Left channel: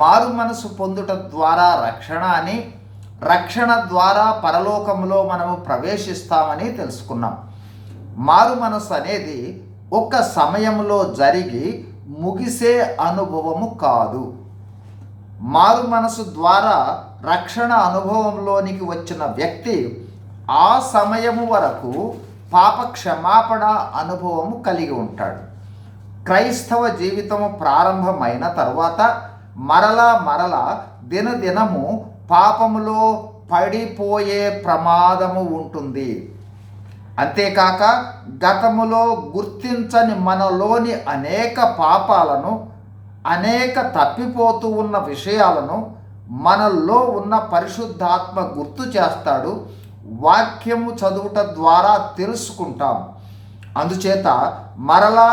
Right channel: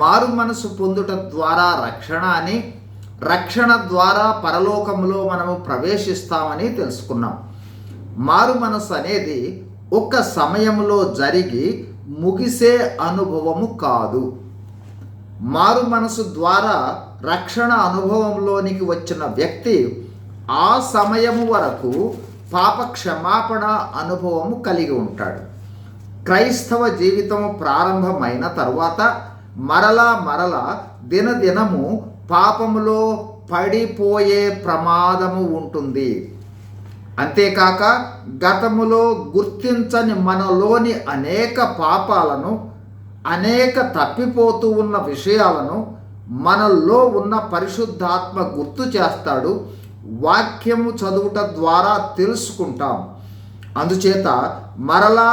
మారు మనసు పొందుట ద్వారా రక్షణ అని, రక్షణ ద్వారా పరలోకంలో మనము ప్రవేశిస్తామని తెలుసుకున్నాం. మారు మనసు అనేది ఒక సమయంలో జరిగి ముగిసే అనుభవము కాదు. మారు మనసు ద్వారా రక్షణ అనుభవంలోనికి వచ్చిన వ్యక్తి ఆ సమయము వరకు పాప క్షమాపణ అనుభవము కలిగి ఉంటాడు. క్రైస్తవ జీవితము ప్రారంభమైన తరువాత మరలా దినదినము పాపములో పడిపోయే ప్రమాదము ఉంటుంది. అంతేకాక గతములో గుర్తించని మనలోని అనేక పాపాలను, అనేక తప్పిపోతూ ఉన్న విషయాలను మనల్లో ఉన్న పరిశుద్ధాత్మ గుర్తు చేస్తాడు. వాక్యము చదువుట ద్వారా తెలుసుకుంటాం. అందుచేత మరలా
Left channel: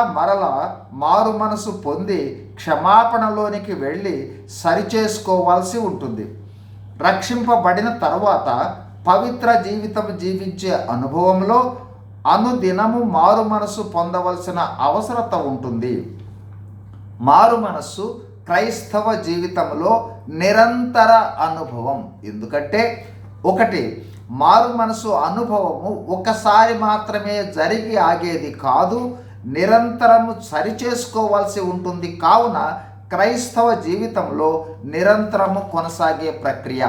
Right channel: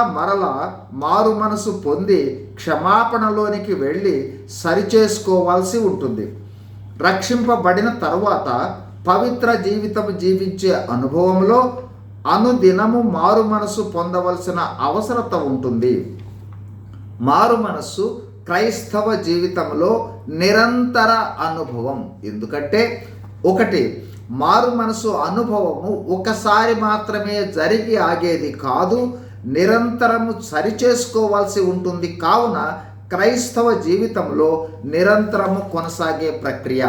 మారు మనసు పొంది క్షమాపణలోనికి వెళ్ళి సరిచేసుకోవాల్సి ఉంటుంది. రక్షింపబడిన తరువాత పవిత్ర జీవితం జీవించే అనుభవంలో అనుదినము మారు మనసు పొందవలసిన అవసరత ఉంటుంది. మారు మనస్సు క్రైస్తవ జీవితంలో నిరంతర అనుభవం. ఎందుకంటే ఒకటి, మారు మనసు అనుభవము ఒకసారి మాత్రమే జరిగి ఆగేది కాదు, నిరంతరము సరిచేసుకోవాల్సి ఉంటుంది. కావున క్రైస్తవ జీవితంలో నిరంతరము కొనసాగే ప్రక్రియ.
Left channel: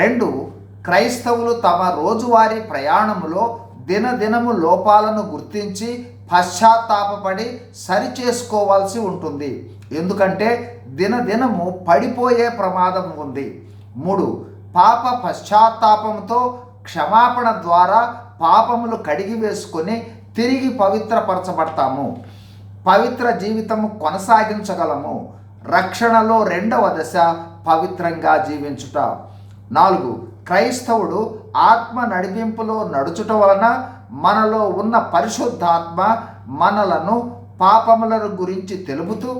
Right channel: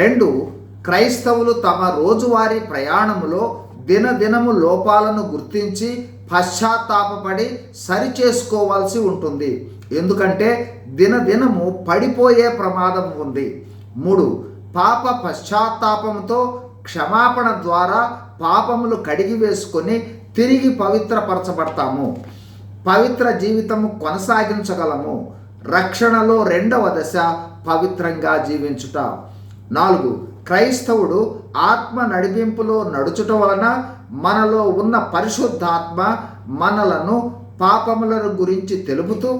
2, క్రైస్తవులు తమ రోజువారీ ప్రయాణములో దినదినము లోపాలను గుర్తించి పశ్చాత్తాపపడి సరిచేసుకోవాల్సి ఉంటుంది. ఎందుకంటే దినదినము పడిపోయే ప్రమాదం ఉంది. 3, పాప పశ్చాత్తాపంతో క్షమాపణ ద్వారా పాపములు కడిగి వేసుకొని తిరిగి పవిత్రపరచబడతాము. పవిత్ర జీవితము కొనసాగించగలము. రక్షణలో 2వ దశ పవిత్రంగా జీవించుట. 4, క్రైస్తవుడు ఆత్మ నడిపింపులో నడుచుట వలన మనలో ఉన్న పరిశుద్ధాత్మ మనలను పాపములను గురించి తెలుపుతూ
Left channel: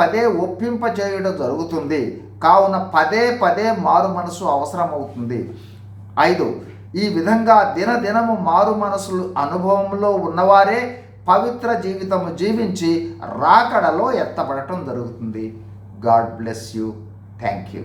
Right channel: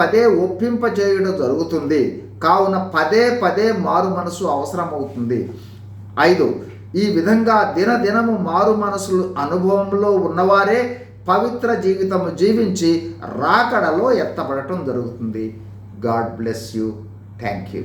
పదే ఒప్పింపజేయడం జరుగుతుంది. కావున పదే మారు మనసు అవసరమవుతుంది. 5, ఈ విధంగా దినదినము మారు మనసు అనుభవంలో ఉన్నవారే పవిత్ర జీవితము జీవించి రాకడలో ఎత్తబడటం జరుగుతుంది. God bless you. Thank you.